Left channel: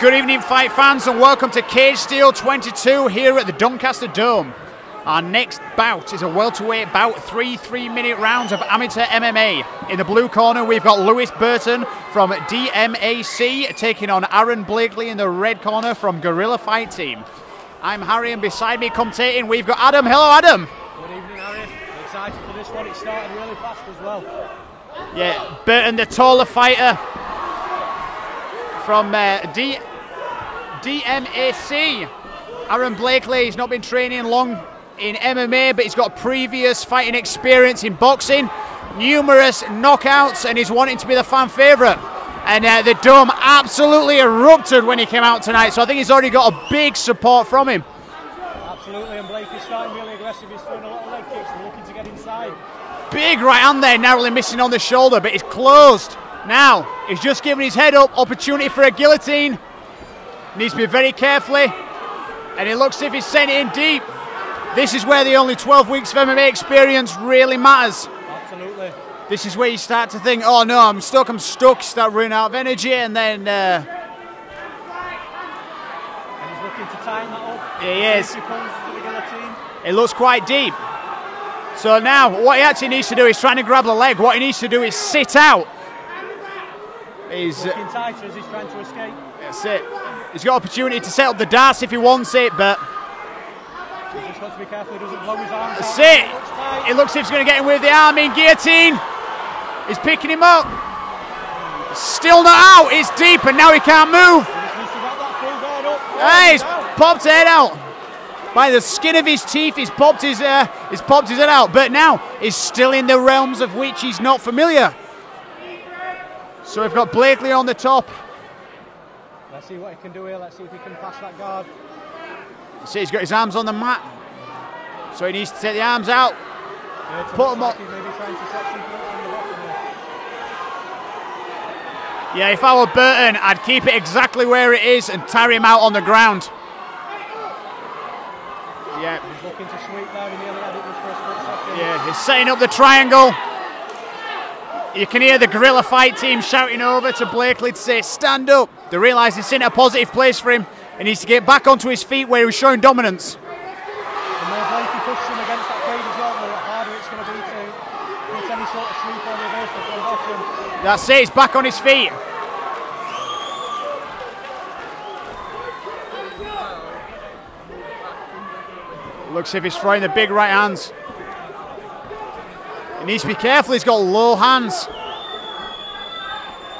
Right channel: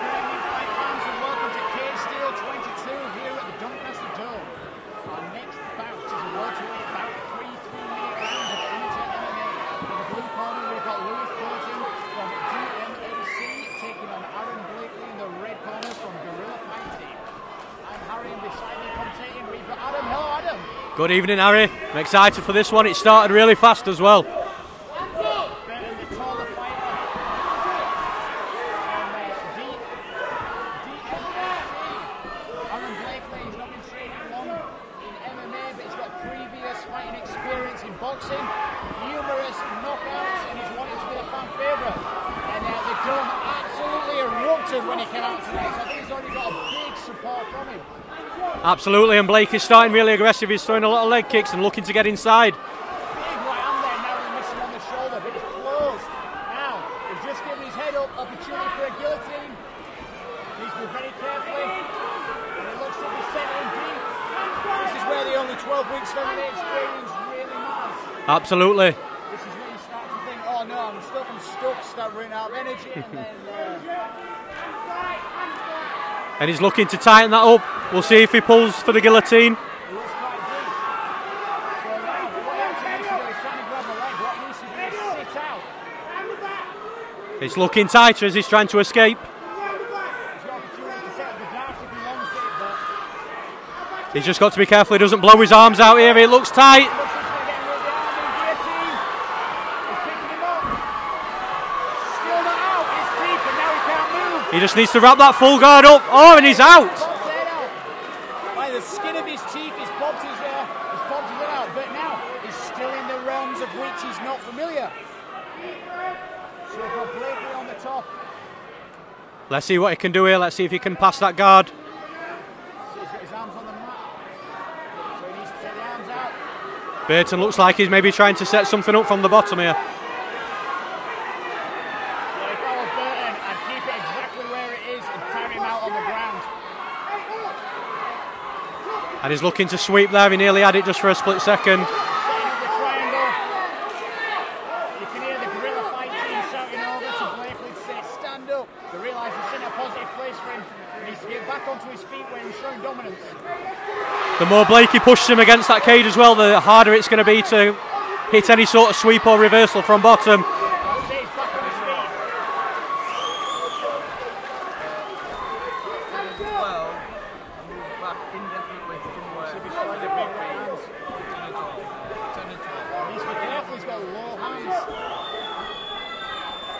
Good evening, fight fans, and welcome to Cage Steel 22 here at the Doncaster Dome. Our next bout is a welterweight bout, 3 3-minute rounds of amateur MMA. In the blue corner, we've got Blakely and Burton from DMAC taking on Aaron Blakely in the red corner from Guerrilla Fight Team. I'm Harry, and beside me commentating, we've got Adam. Hello, Adam. Good evening, Harry. I'm excited for this one. It started really fast as well. Yeah, Burton, the taller fighter from DMAC. Aaron Blakely, he's not been training long in MMA, but he's got previous fighting experience in boxing, numerous knockouts, and he's wanting to be the fan favourite. And the Dome absolutely erupted when he came out tonight, so I think he's already got a big support from him. Absolutely, and Blake is starting really aggressive. He's throwing a lot of leg kicks and looking to get inside. Big right hand there, narrowly missing on the shoulder, but he's closed. Now, he's just giving his head up, opportunity for a guillotine. Needs to be very carefully, and it looks as if he's sent it in deep. This is where the only 12 weeks of MMA experience really matters. Absolutely. This is where you start to think, oh no, I'm stuck, start running out of energy, and then... And he's looking to tighten that up. We'll see if he pulls for the guillotine. It looks quite deep. So now, what he actually needs to do is trying to grab the leg. What he needs to do is sit out. He's looking tighter as he's trying to escape. That's it. He's got opportunity to set up the darts if he wants it, but... He's just got to be careful he doesn't blow his arms out here. It looks tight. It looks as if he's going to get him with the arm in guillotine. He's picking him up. Still not out. It's deep, and now he can't move. He just needs to wrap that full guard up. Oh, and he's out. Popped head out. By the skin of his teeth, he's popped his head out. But now he's still in the realms of which he's not familiar. So we've got Blakely on the top. Let's see what he can do here. Let's see if he can pass that guard. See, he's got his arms on the mat, so he needs to take the arms out. Burton looks like he's maybe trying to set something up from the bottom here. Yeah, if I were Burton, I'd keep it exactly where it is and tire him out on the ground. Yeah. And he's looking to sweep there. He nearly had it just for a split second. Yeah, he's setting up the triangle. You can hear the Guerrilla Fight Team shouting over to Blakely to say, stand up. They realise it's in a positive place for him. He needs to get back onto his feet where he was showing dominance. The more Blakey pushes him against that cage as well, the harder it's going to be to hit any sort of sweep or reversal from bottom. That's it, he's back on his feet. Looks as if he's throwing the big right hands. He needs to be careful, he's got low hands.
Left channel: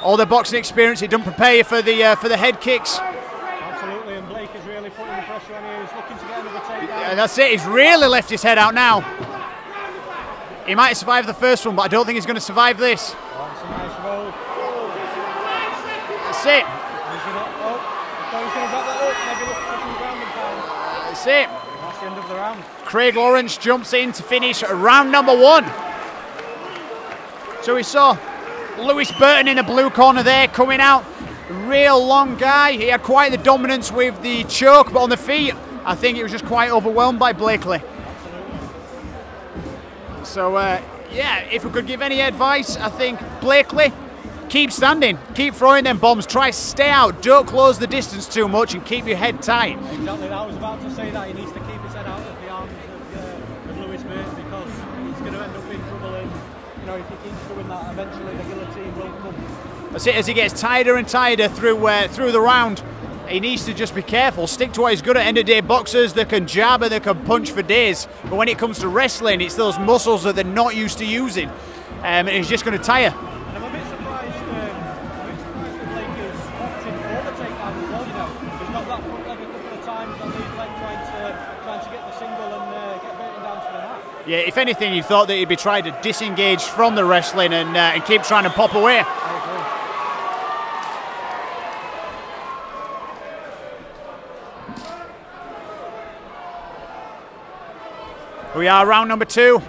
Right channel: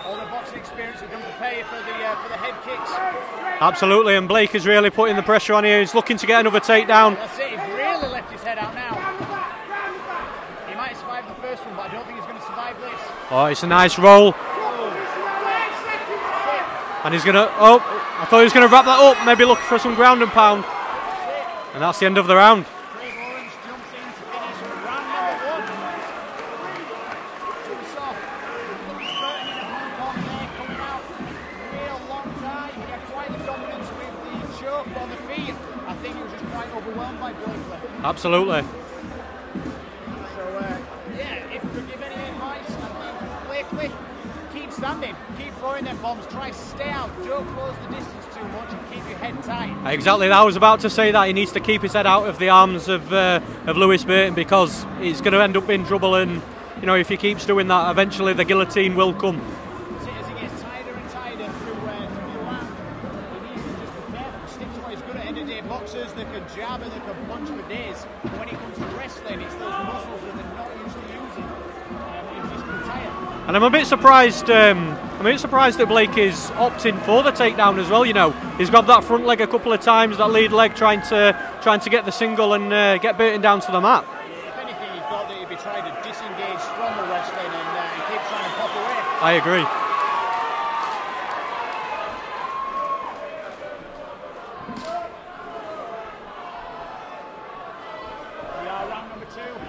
All the boxing experience, it doesn't prepare you for the head kicks. Absolutely, and Blake is really putting the pressure on here. He's looking to get another takedown. Yeah, that's it, he's really left his head out now. He might survive the first one, but I don't think he's going to survive this. Oh, it's a nice roll. That's it. And he's going to, oh, I thought he was going to wrap that up, maybe look for some ground and pound. That's it. And that's the end of the round. Craig Lawrence jumps in to finish round number 1. So we saw Blakely and Burton in the blue corner there coming out. Real long guy. He had quite the dominance with the choke, but on the feet, I think he was just quite overwhelmed by Blakely. Absolutely. So, yeah, if we could give any advice, I think Blakely, keep standing, keep throwing them bombs, try to stay out, don't close the distance too much and keep your head tight. Exactly, I was about to say that. He needs to keep his head out of the arms of Blakely and Burton, because he's going to end up in trouble, and you know, if he keeps doing that, eventually the guillotine will come. That's it, as he gets tighter and tighter through the round. He needs to just be careful, stick to what he's good at. End of day boxers, they can jab and they can punch for days. But when it comes to wrestling, it's those muscles that they're not used to using. And he's just going to tire. And I'm a bit surprised that Blake is opting for the takedown as well. You know, he's grabbed that front leg a couple of times, that lead leg, trying to get the single and get Burton down to the mat. Yeah, if anything, you thought that he'd be trying to disengage from the wrestling and keep trying to pop away. I agree. We are round number 2.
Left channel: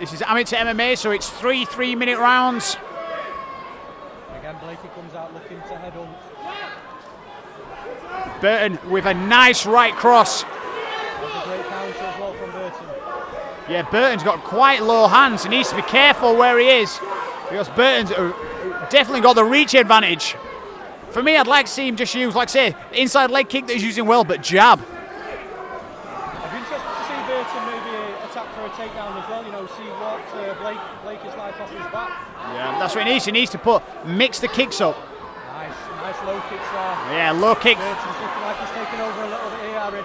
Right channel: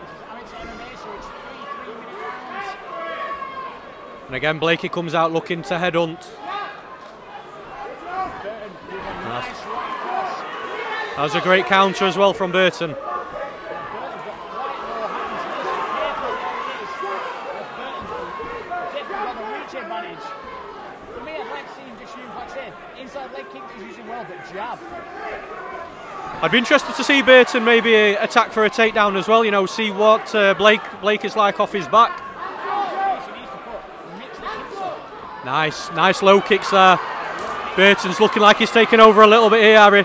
This is amateur MMA, so it's 3 3-minute rounds. And again, Blakey comes out looking to headhunt. Burton with a nice right cross. That was a great counter as well from Burton. Yeah, Burton's got quite low hands. He needs to be careful where he is, because Burton's definitely got the reach advantage. For me, I'd like to see him just use, like I say, inside leg kick that he's using well, but jab. I'd be interested to see Burton maybe attack for a takedown as well, you know, see what Blake is like off his back. Yeah, that's what he needs. He needs to mix the kicks up. Nice low kicks there. Yeah, low kick. Burton's looking like he's taking over a little bit here, Harry.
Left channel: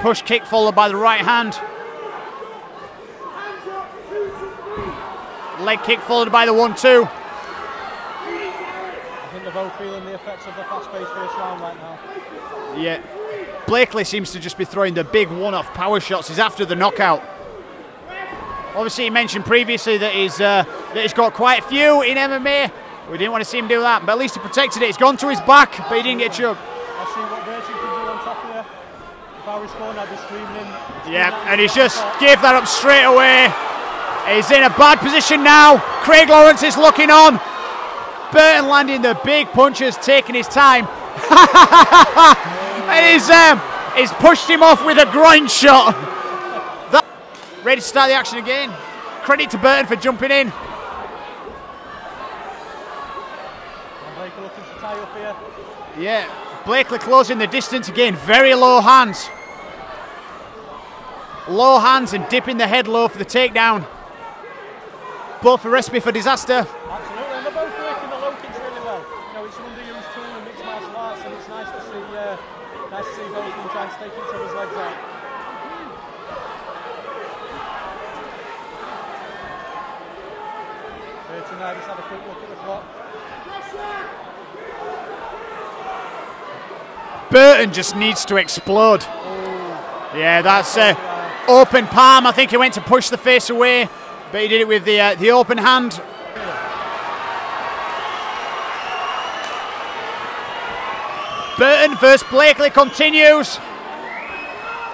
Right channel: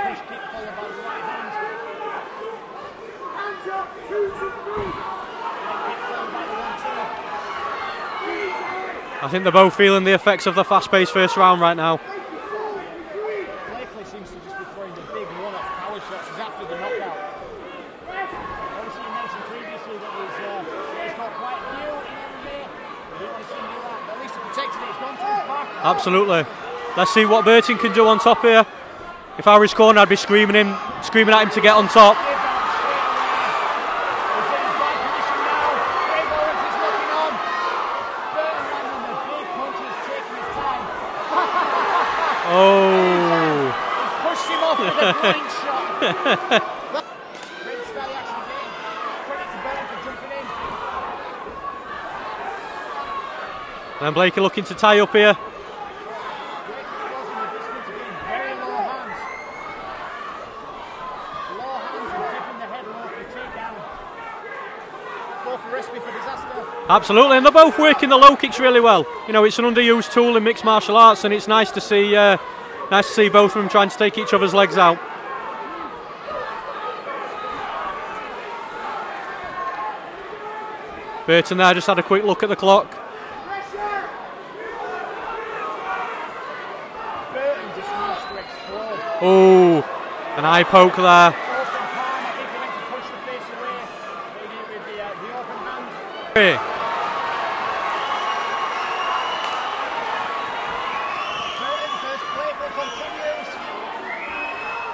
Push kick followed by the right hand. Leg kick followed by the 1-2. I think they're both feeling the effects of the fast-paced first round right now. Yeah. Blakely seems to just be throwing the big one-off power shots. He's after the knockout. Obviously, he mentioned previously that he's got quite a few in MMA. We didn't want to see him do that, but at least he protected it. He's gone to his back, but he didn't get chucked. Let's see what Burton can do on top here. If I were his corner, I'd be screaming at him to get on top. Gave that up straight away. He's in a bad position now. Craig Lawrence is looking on. Burton landing the big punches, taking his time. And he's pushed him off with a groin shot. Ready to start the action again. Credit to Burton for jumping in. And Blakely looking to tie up here. Yeah, Blakely closing the distance again. Very low hands. Low hands and dipping the head low for the takedown. Both a recipe for disaster. Absolutely, and they're both working the low kicks really well. You know, it's an underused tool in mixed martial arts, and it's nice to see both of them trying to take each other's legs out. Burton there just had a quick look at the clock. Burton just needs to explode. Oh, yeah, that's poke there. Open palm. I think he went to push the face away, but he did it with the open hand. Burton versus Blakely continues.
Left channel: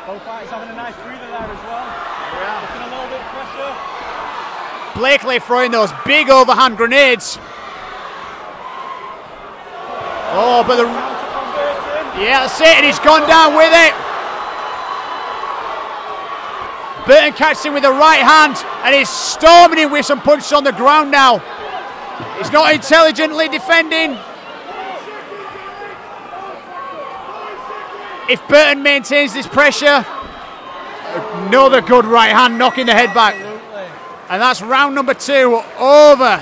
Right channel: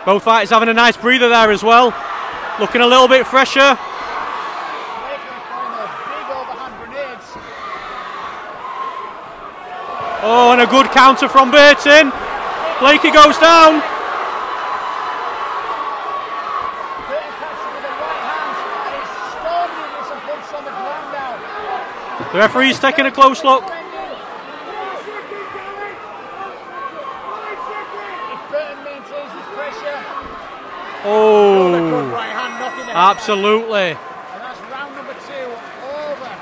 Both fighters having a nice breather there as well. Looking a little bit fresher. Blakely throwing those big overhand grenades. Oh, and a good counter from Burton. Yeah, that's it. And he's Blakely gone goes down down with it. Burton catches him with the right hand, and he's storming him with some punches on the ground now. He's not intelligently defending. If Burton maintains this pressure, another good right hand knocking the head back. Absolutely. And that's round number 2 over.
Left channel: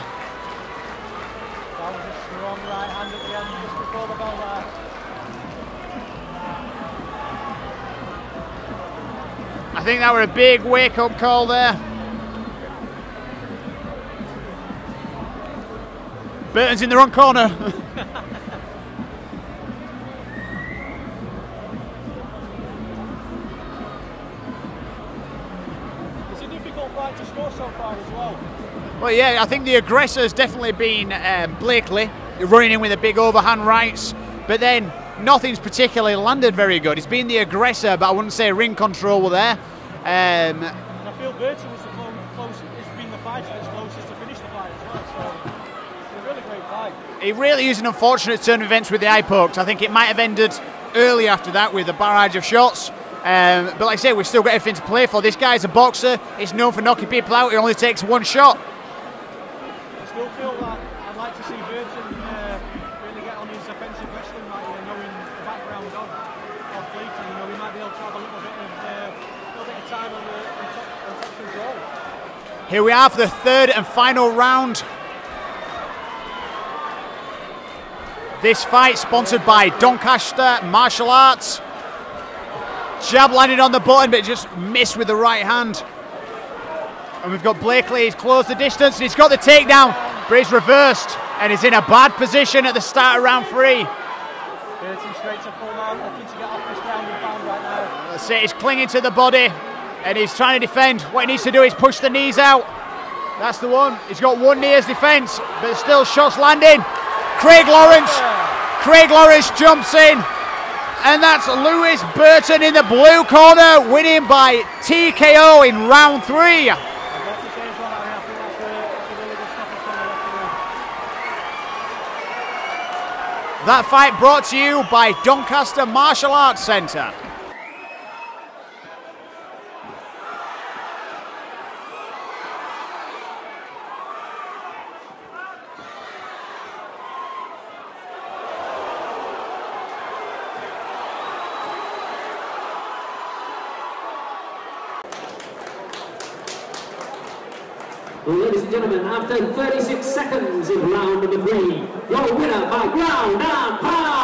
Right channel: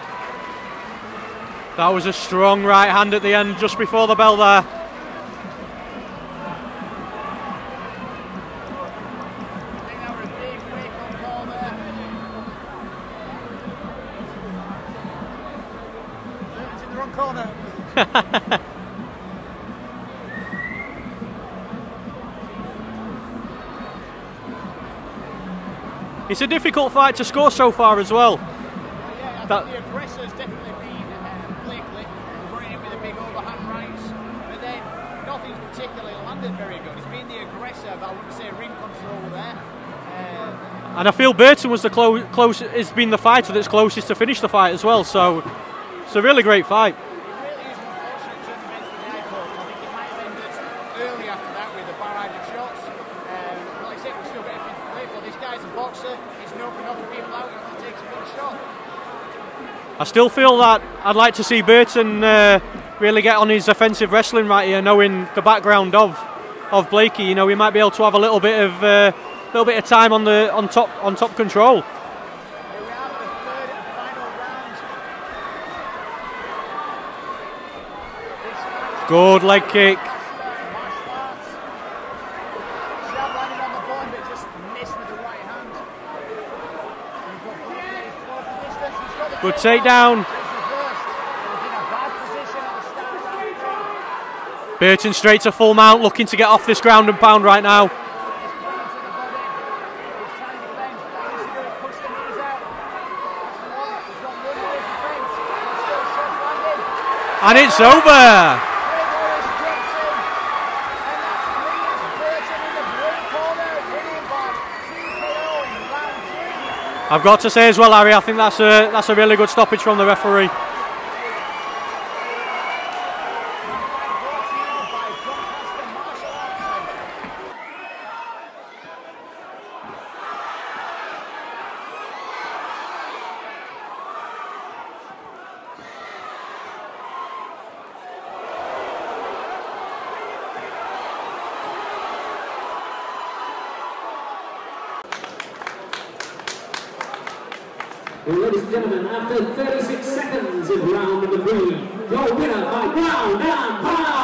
That was a strong right hand at the end, just before the bell there. I think that were a big wake-up call there. Burton's in the wrong corner. It's a difficult fight to score so far as well. Well, yeah, I think the aggressor has definitely been Blakely, running in with the big overhand rights, but then nothing's particularly landed very good. It's been the aggressor, but I wouldn't say ring control were there. And I feel Burton was has been the fighter that's closest to finish the fight as well, so it's a really great fight. It really is an unfortunate turn of events with the eye poked. I think it might have ended early after that with a barrage of shots. But like I say, we've still got everything to play for. This guy's a boxer. He's known for knocking people out. He only takes one shot. I still feel that I'd like to see Burton really get on his offensive wrestling right here, knowing the background of Blakely. You know, we might be able to have a little bit of time on top control. Here we are for the third and final round. This fight sponsored by Doncaster Martial Arts. Jab landed on the button, but just missed with the right hand. And we've got Blakely, he's closed the distance, and he's got the takedown, but he's reversed, and he's in a bad position at the start of round 3. Burton straight to full mount, looking to get off this ground and pound right now. That's it, he's clinging to the body, and he's trying to defend. What he needs to do is push the knees out. That's the one. He's got one knee as defence, but there's still shots landing. Craig Lawrence. Craig Lawrence jumps in. And that's Lewis Burton in the blue corner, winning by TKO in round 3. I've got to say as well, Harry, I think that's a really good stoppage from the referee. That fight brought to you by Doncaster Martial Arts Centre. Well, ladies and gentlemen, after 36 seconds of round number 3, your winner by ground and pound.